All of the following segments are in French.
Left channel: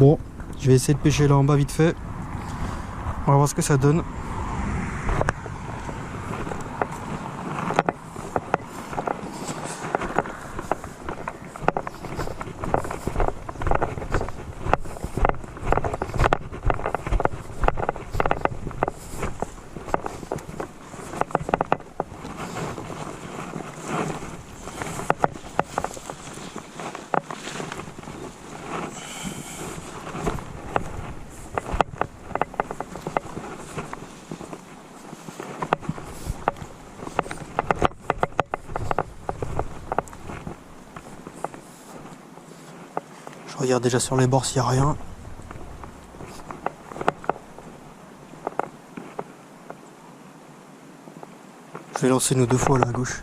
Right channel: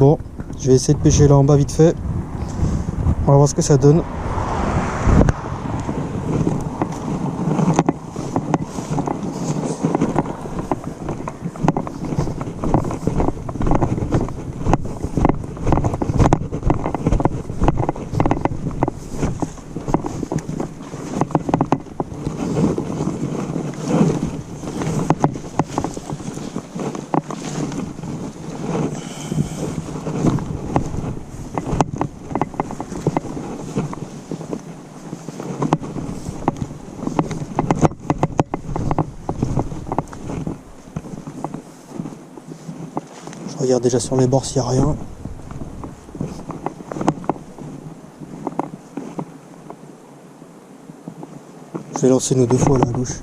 Bon, je vais essayer de pêcher là en bas vite fait. On va voir ce que ça donne. Je regarde déjà sur les bords s'il n'y a rien. Je vais lancer une ou deux fois là à gauche.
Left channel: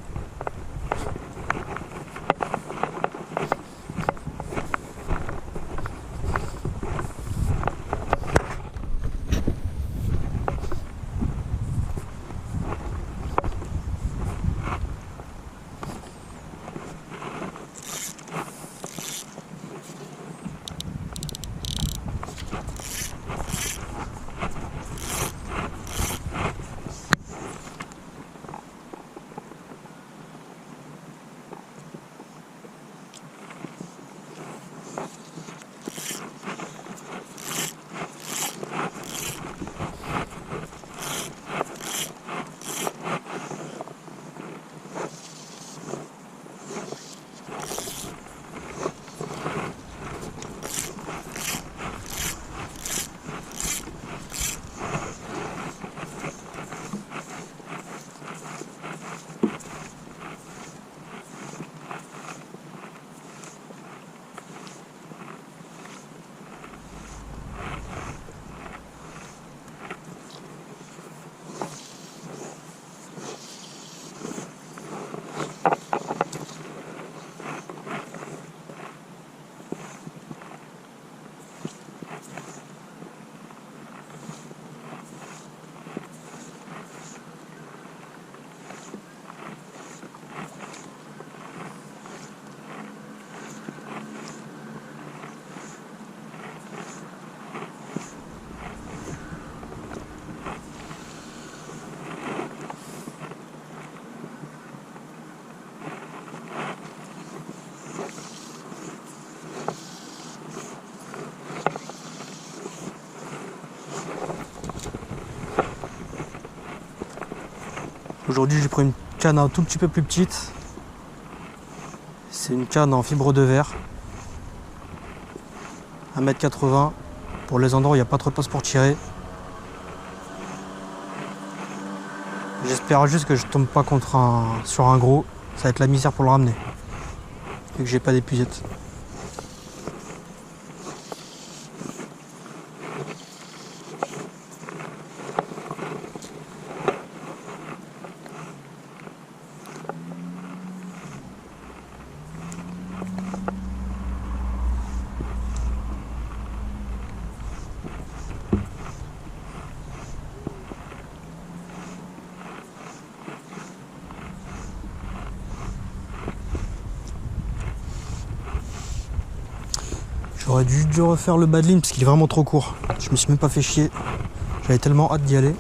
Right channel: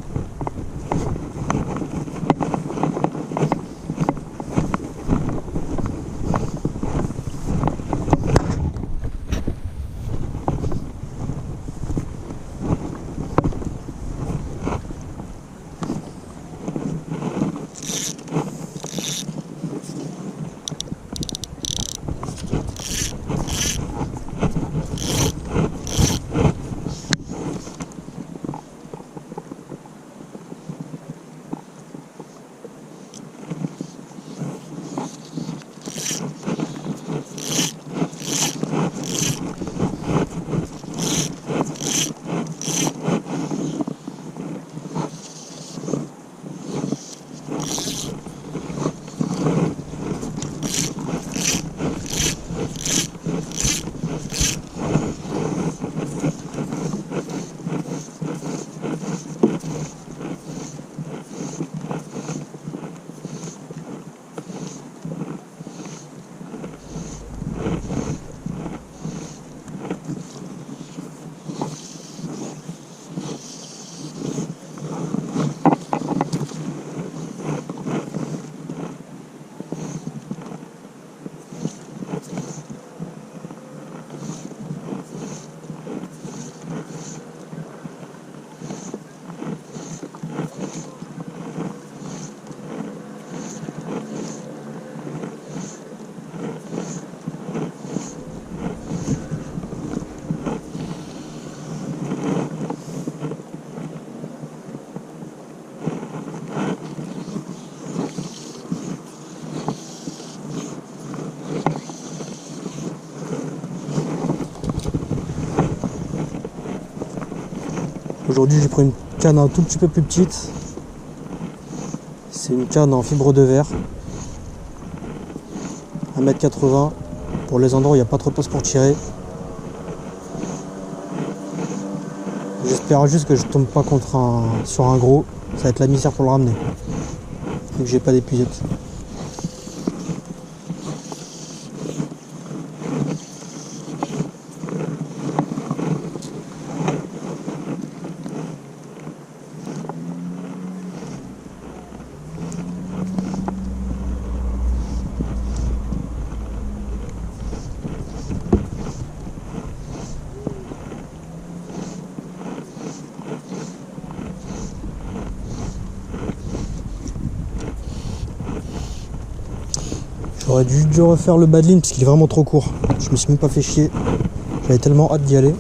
Aujourd'hui j'ai pris une canne un tout petit peu plus petite. C'est une canne en fibre de verre. 1,80 m. Pour les endroits où il n'y a pas trop de place pour tirer. J'espère juste que je tombe pas sur un gros. Ça va être la misère pour le ramener. Vu que j'ai pas d'épuisette. J'aurais dû refaire le bas de ligne parce qu'il est vraiment trop court. Je me suis même pas fait chier. J'avais tellement hâte d'y aller.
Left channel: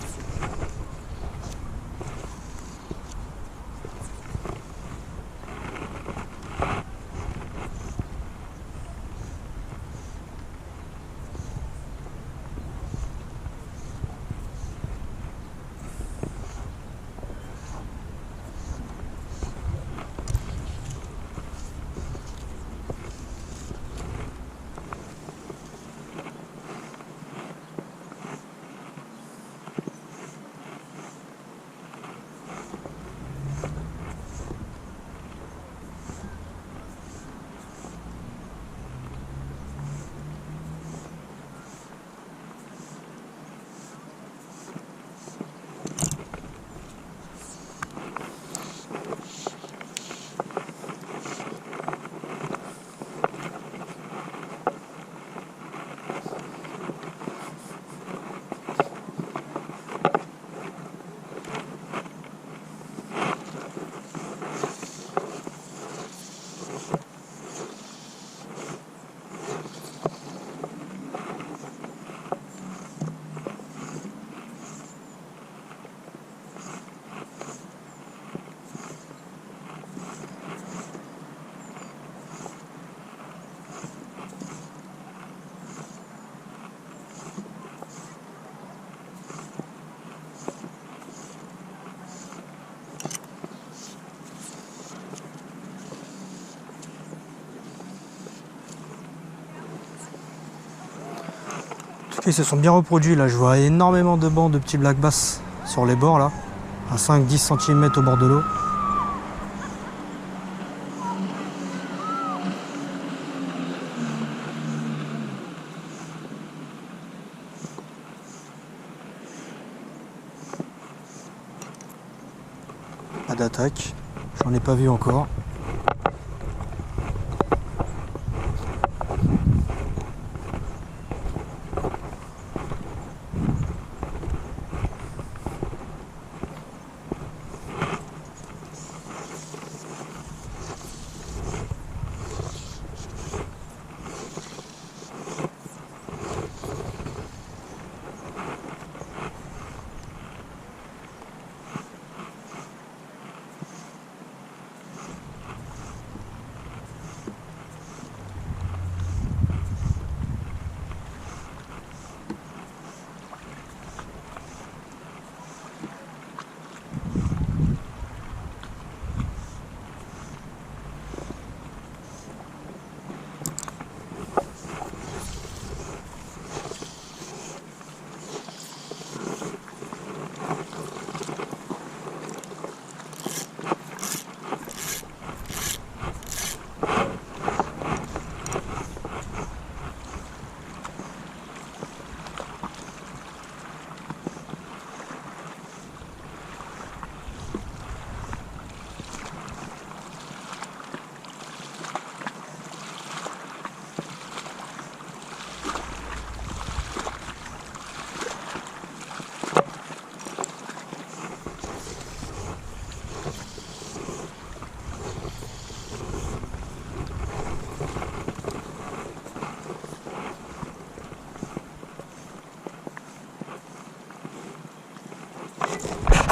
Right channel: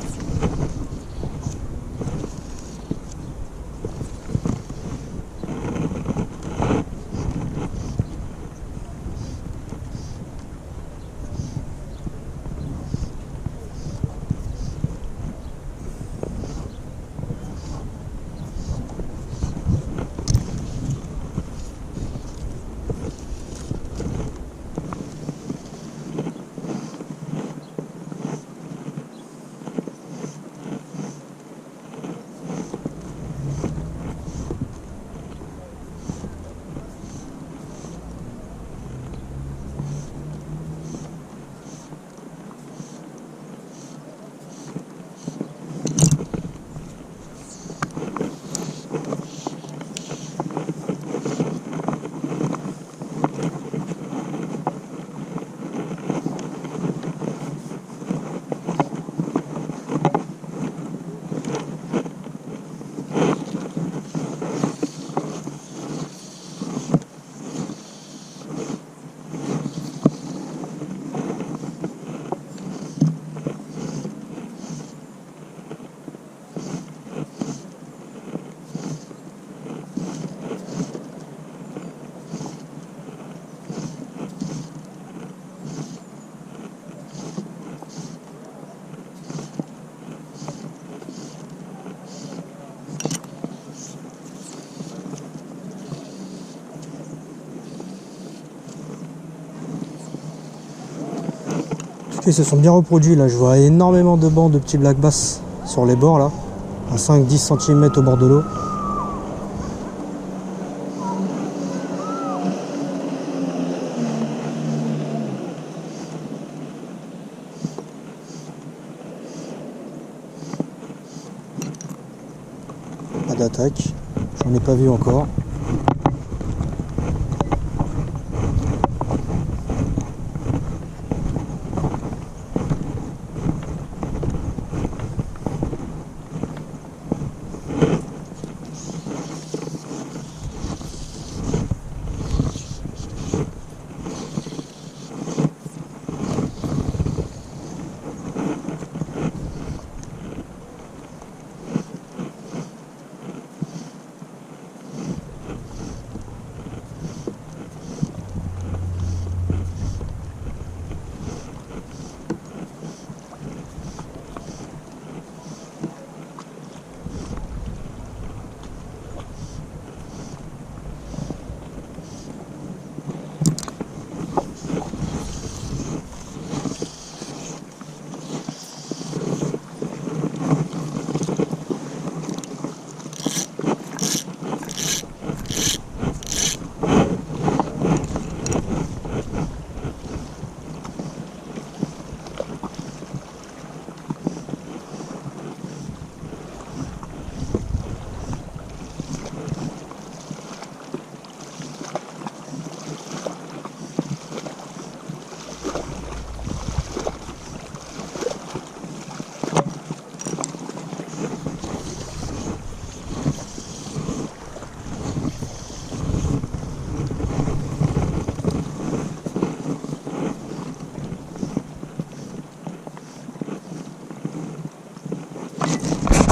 Ils se sont bien reproduits là, je vois énormément de bancs de petits black bass sur les bords là, à 5-10 cm au bord de l'eau. Pas d'attaque, j'en ai pas vu encore.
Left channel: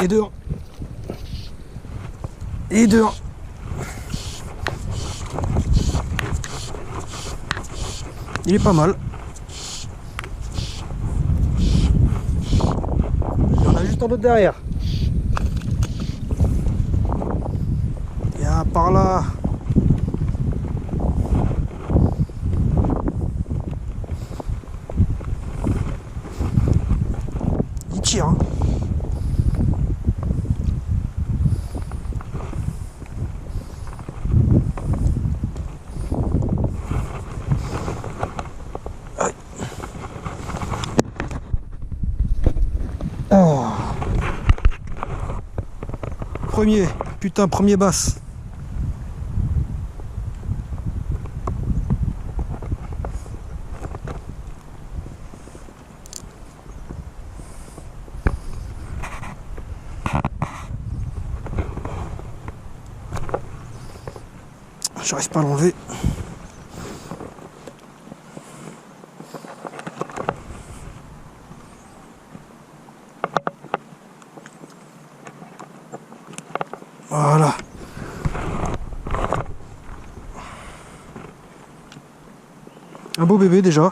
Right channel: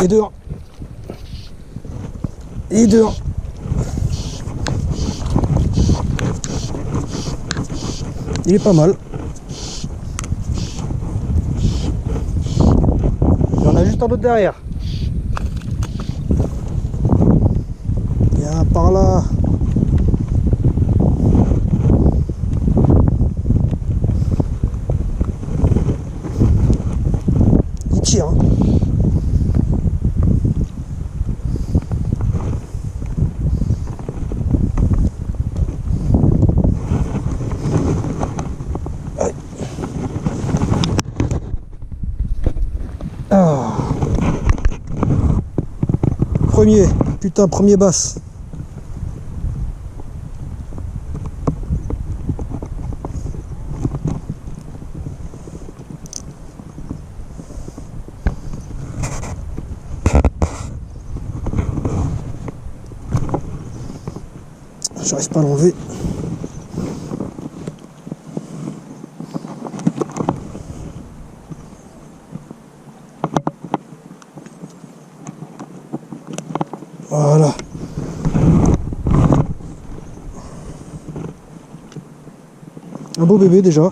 Et dehors. Et dehors. Il est pas mal. Il y en a juste un autre derrière. Viens par là. Il tire, hein. Oh. Premier, putain, premier basse. J'arrive pas à l'enlever. Voilà. Un beau bébé déjà.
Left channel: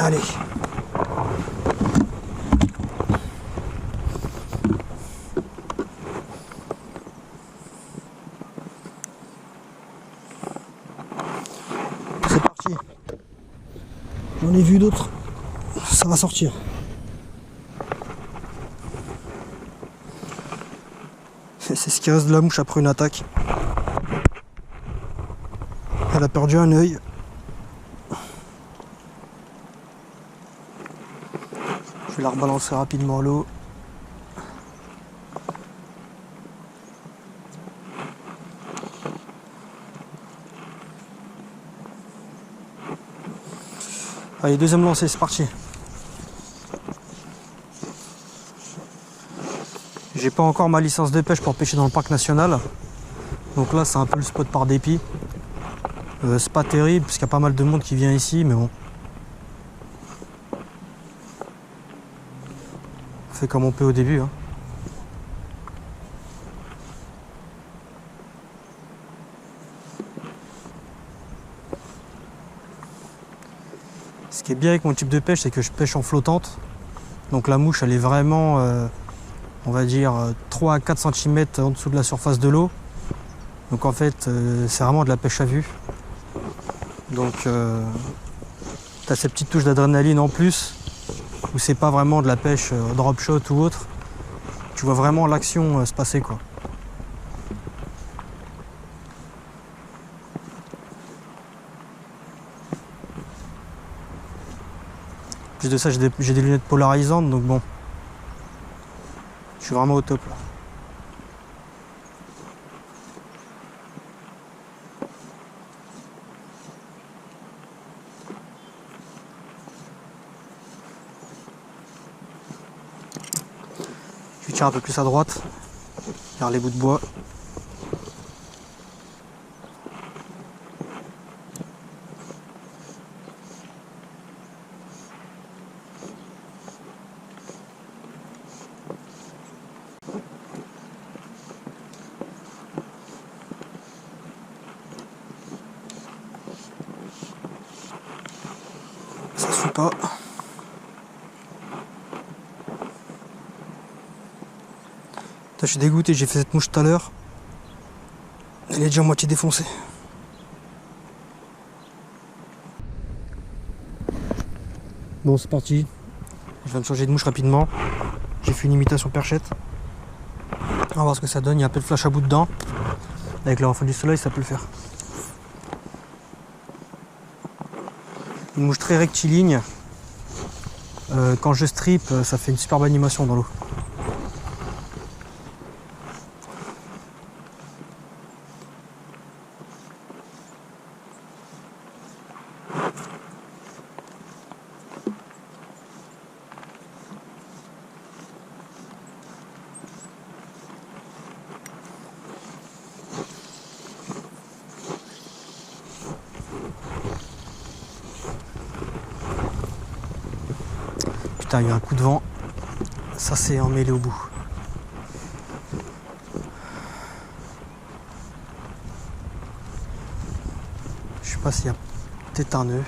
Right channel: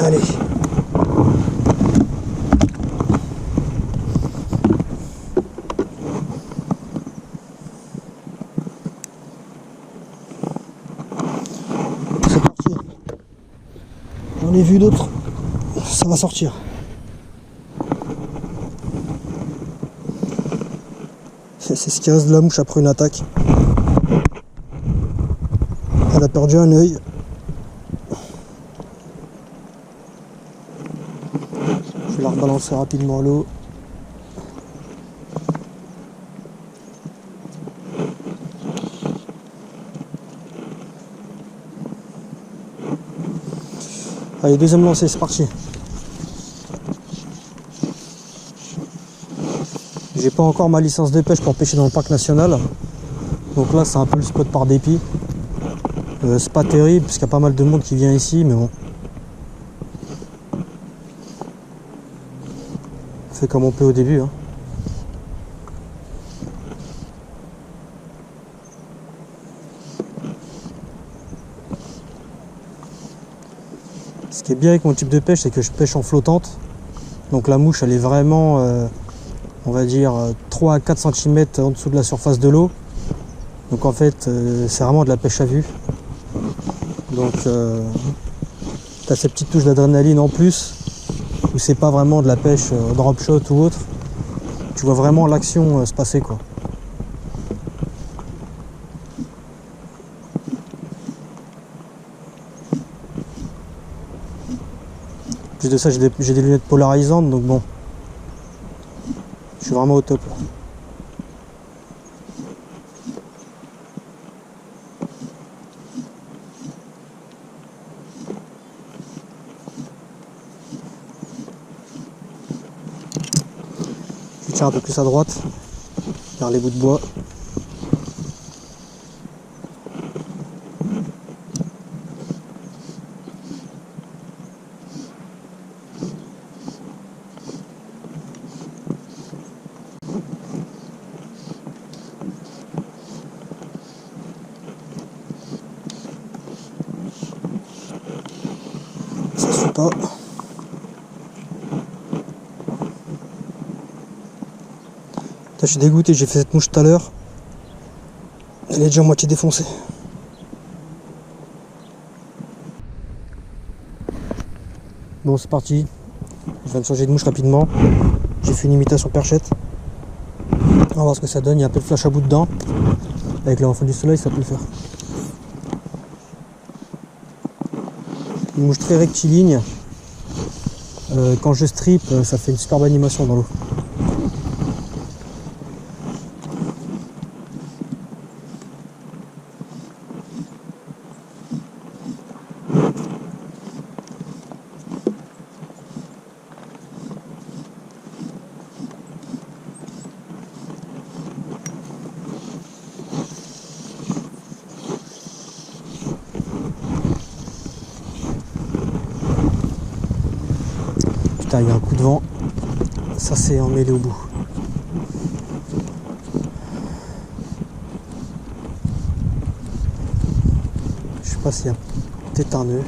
Allez. C'est parti. J'en ai vu d'autres. Ça va sortir. C'est ce qui reste de la mouche après une attaque. Elle a perdu un œil. Je vais la rebalancer rapidement à l'eau. Allez, deuxième lancée, c'est parti. J'ai pas encore ma licence de pêche pour pêcher dans le parc national. Donc là, c'est un peu le spot par dépit. C'est pas terrible parce qu'il y a pas mal de monde qui vient ici, mais bon. fait comme on peut au début. Hein. Ce qui est bien avec mon type de pêche, c'est que je pêche en flottante. Donc la mouche, elle est vraiment, on va dire, 3 à 4 cm en dessous de la surface de l'eau. Donc en fait, c'est vraiment de la pêche à vue. Donc tu as cette petite touche d'adrénaline en plus, où c'est pas vraiment de la pêche drop shot ou autre. Tu vois vraiment l'action se passer, quoi. En plus de ça, j'ai des lunettes polarisantes, donc bon, je suis vraiment au top là. Je tiens un peu plus à droite, vers les bouts de bois. Ça se fait pas. Je suis dégoûté, j'ai fait cette mouche tout à l'heure. Elle est déjà à moitié défoncée. Bon, c'est parti. Je viens de changer de mouche rapidement. J'ai fait une imitation perchette. On va voir ce que ça donne. Il y a un peu de flash à bout dedans. Avec le reflet du soleil, ça peut le faire. Une mouche très rectiligne. Quand je strip, ça fait une superbe animation dans l'eau. Putain, il y a un coup de vent. Ça s'est emmêlé au bout. Je sais pas s'il y a peut-être un nœud.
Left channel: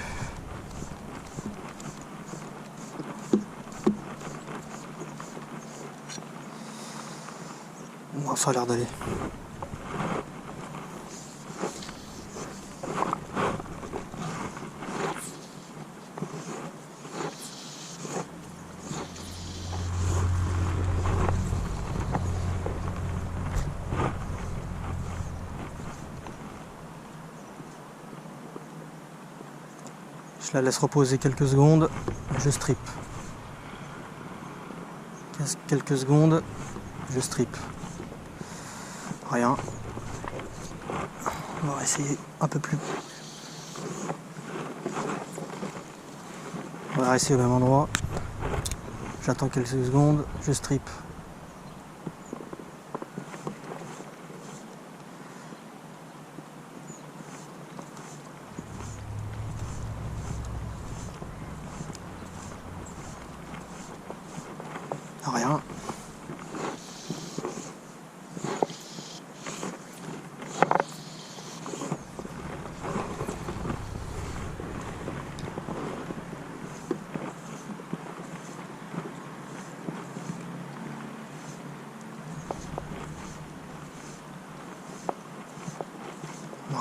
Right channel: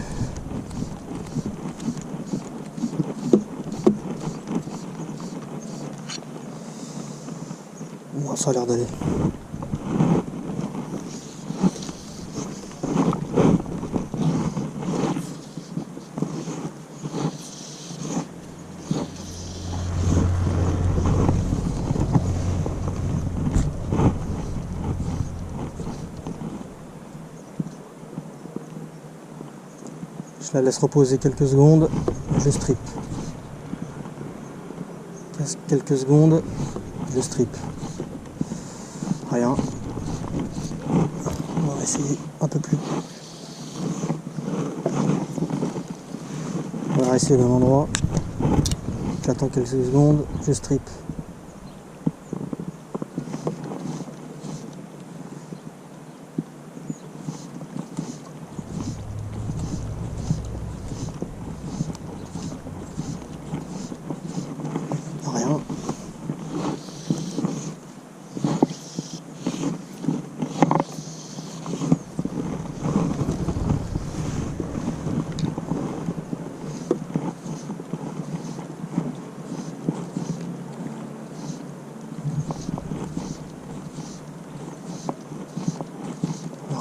Bon, ça a l'air d'aller. Je la laisse reposer quelques secondes, je strip. Quelques secondes, je strip. Rien. On va essayer un peu plus. On va rester au même endroit. J'attends quelques secondes, je strip. Rien.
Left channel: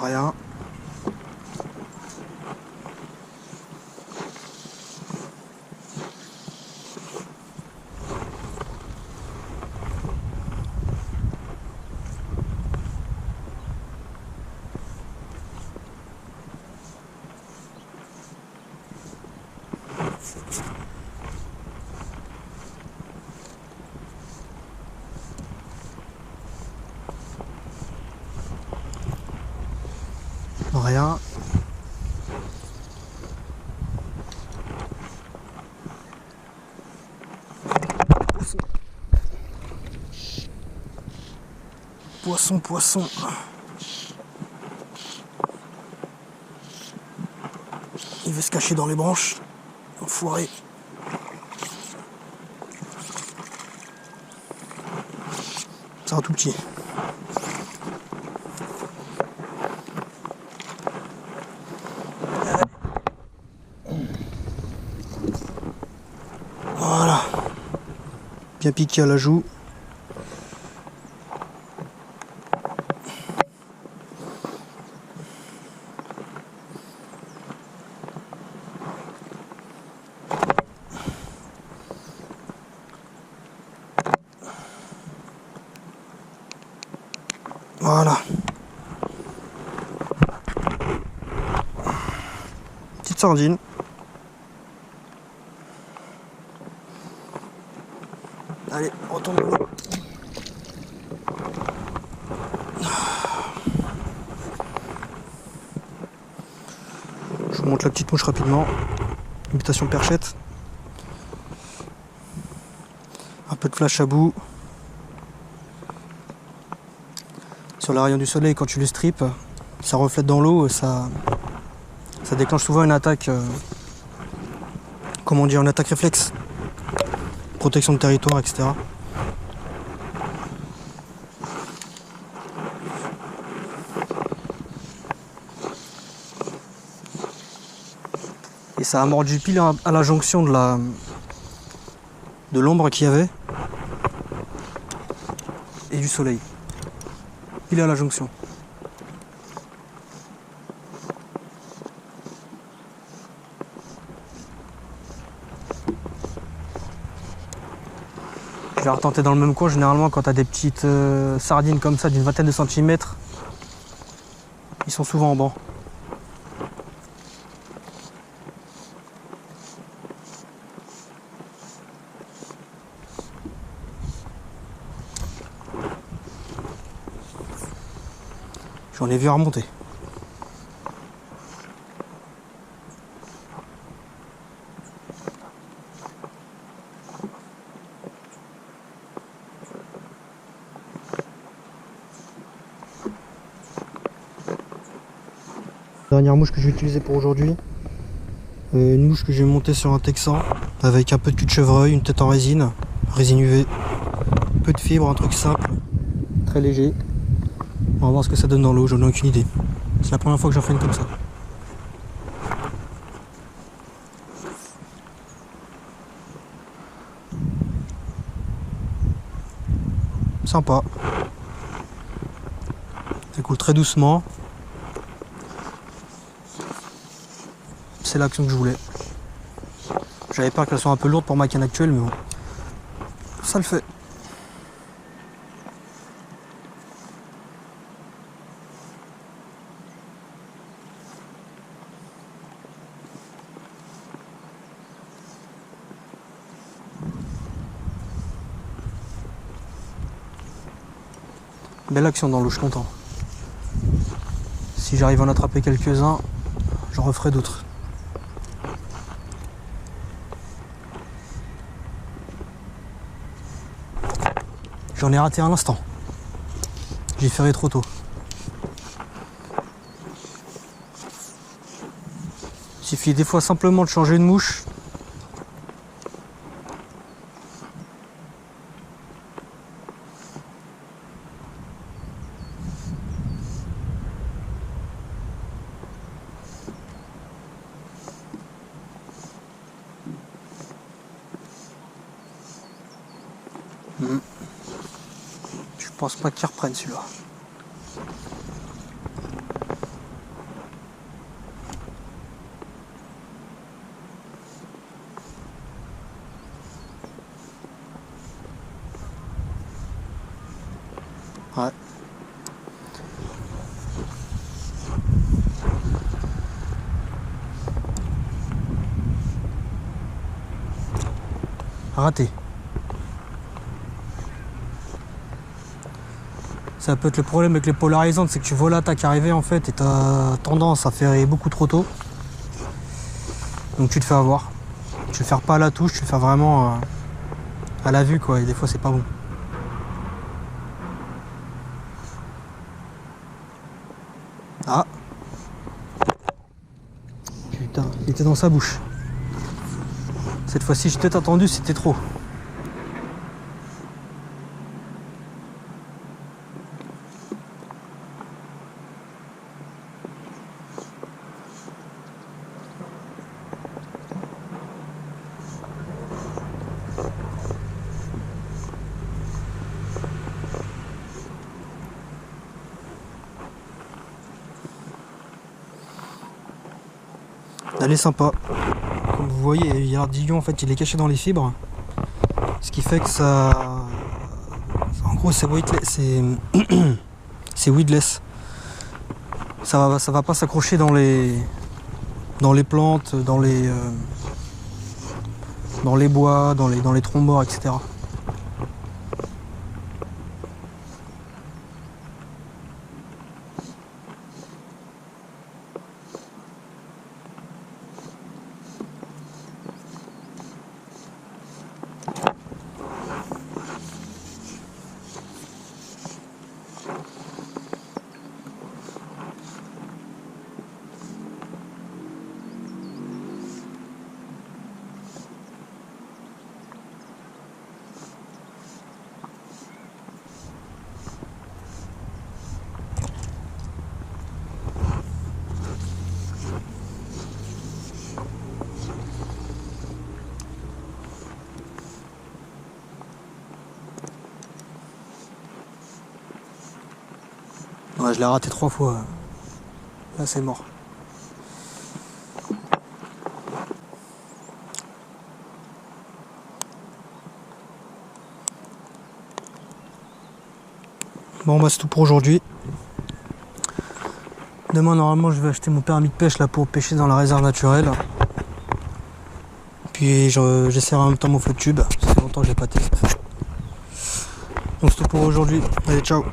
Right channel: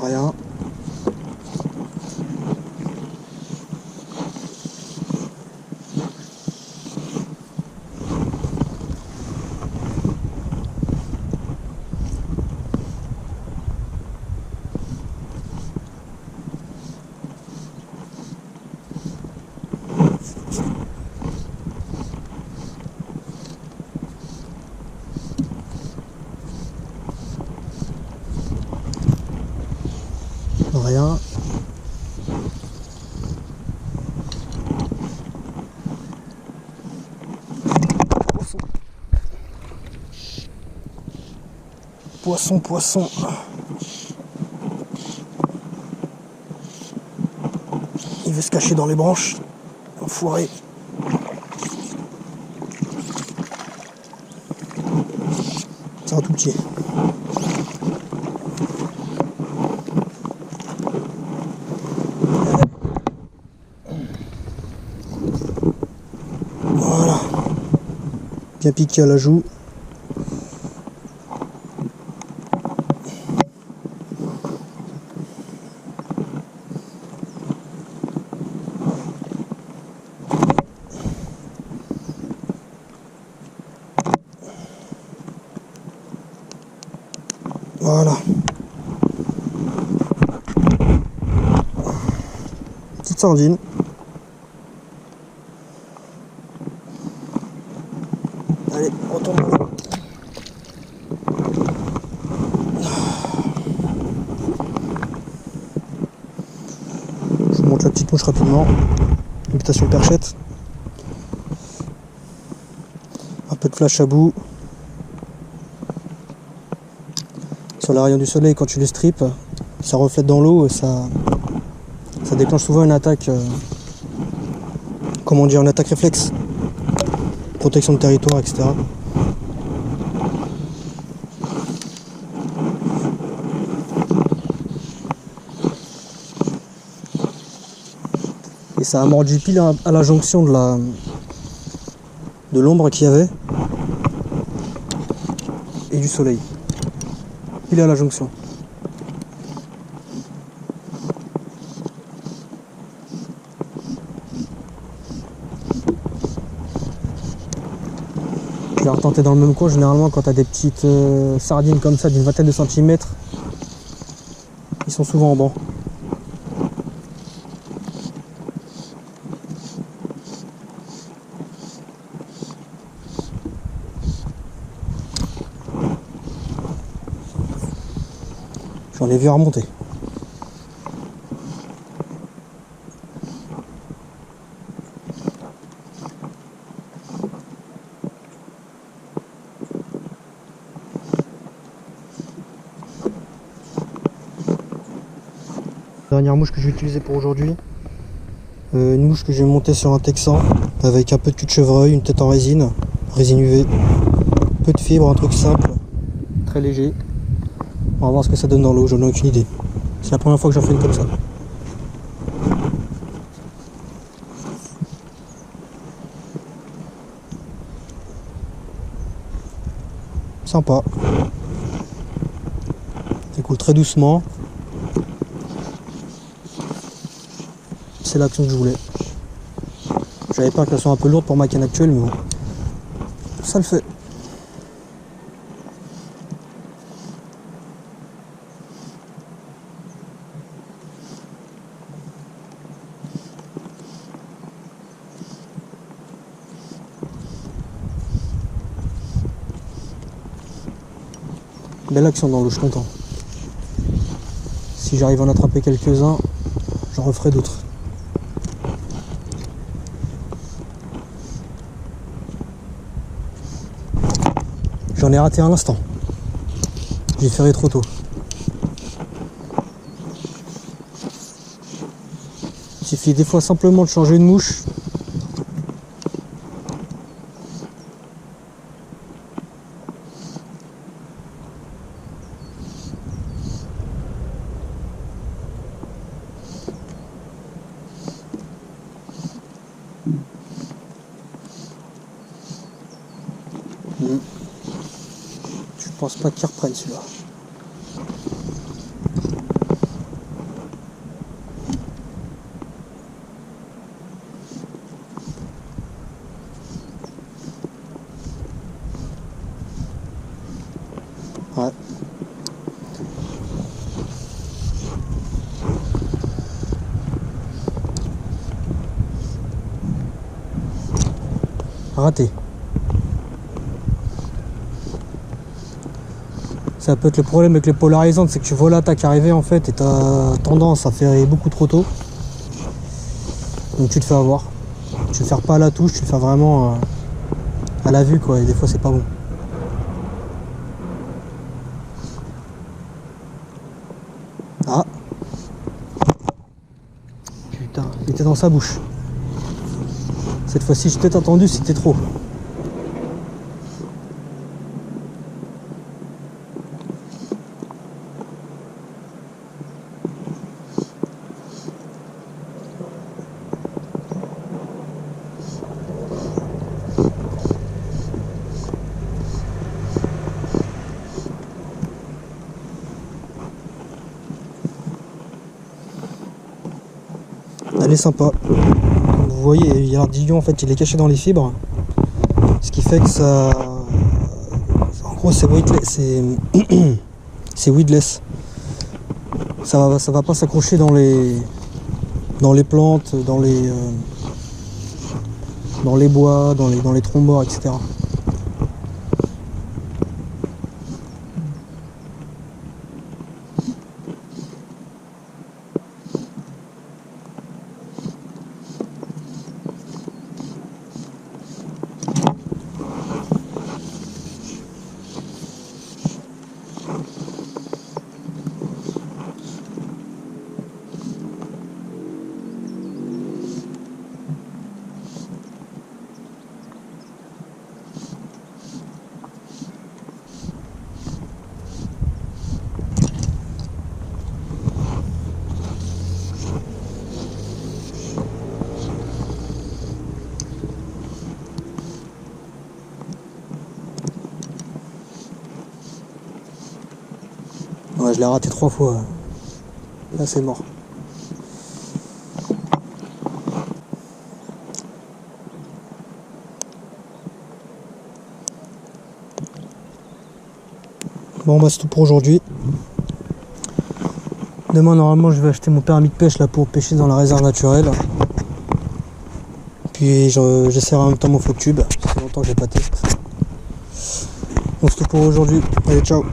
Rien. Rien. Poisson, poisson. Il veut se cacher dans les branches. Enfoiré. C'est un tout petit. Voilà. Bien piqué à la joue. Voilà. Petite sardine. Allez, retourne dans l'eau. Je vous montre la petite mouche rapidement. Imitation perchette. Un peu de flash à bout. Sur les rayons du soleil, quand tu les strips, ça reflète dans l'eau, ça déclenche souvent une attaque, comment dire, une attaque réflexe, protection de territoire, etc. Et ça a mordu pile à la jonction de l'ombre qu'il y avait et du soleil. Pile à la jonction. Je vais retenter dans le même coin. Généralement, quand tu as des petites sardines comme ça d'une vingtaine de centimètres, ils sont souvent en banc. J'en ai vu remonter. Dernière mouche que je vais utiliser pour aujourd'hui. Une mouche que je vais monter sur un texan avec un peu de cul de chevreuil, une tête en résine UV, peu de fibres, un truc simple, très léger. On va voir ce que ça donne dans l'eau, j'en ai aucune idée. C'est la première fois que j'en fais une comme ça. Sympa. Ça coule très doucement. C'est l'action que je voulais. J'avais peur qu'elle soit un peu lourde pour ma canne actuelle, mais bon, ça le fait. Belle action dans l'eau, je suis content. Si j'arrive à en attraper quelques-uns, j'en referai d'autres. J'en ai raté un instant. J'ai ferré trop tôt. Il suffit des fois simplement de changer de mouche. Je pense pas qu'il reprenne celui-là. Ouais. Raté. Ça peut être le problème avec les polarisantes, c'est que tu vois l'attaque arriver en fait et tu as tendance à ferrer beaucoup trop tôt. Donc tu te fais avoir. Tu le fais pas à la touche, tu le fais vraiment à la vue quoi, et des fois c'est pas bon. Ah. Putain, il était dans sa bouche. Cette fois-ci, j'ai peut-être attendu, c'était trop. elle est sympa. Comme vous voyez, l'ardillon en fait il est caché dans les fibres. Ce qui fait que ça... En gros c'est c'est weedless. Ça va pas s'accrocher dans les plantes, dans les bois, dans les troncs morts, etc. Ouais, je l'ai raté 3 fois. Là, c'est mort. Bon, bah c'est tout pour aujourd'hui. Demain, normalement, je vais acheter mon permis de pêche là pour pêcher dans la réserve naturelle. Puis j'essaierai en même temps mon flotte tube. Ça fait longtemps que j'ai pas testé. Donc c'est tout pour aujourd'hui. Allez, ciao.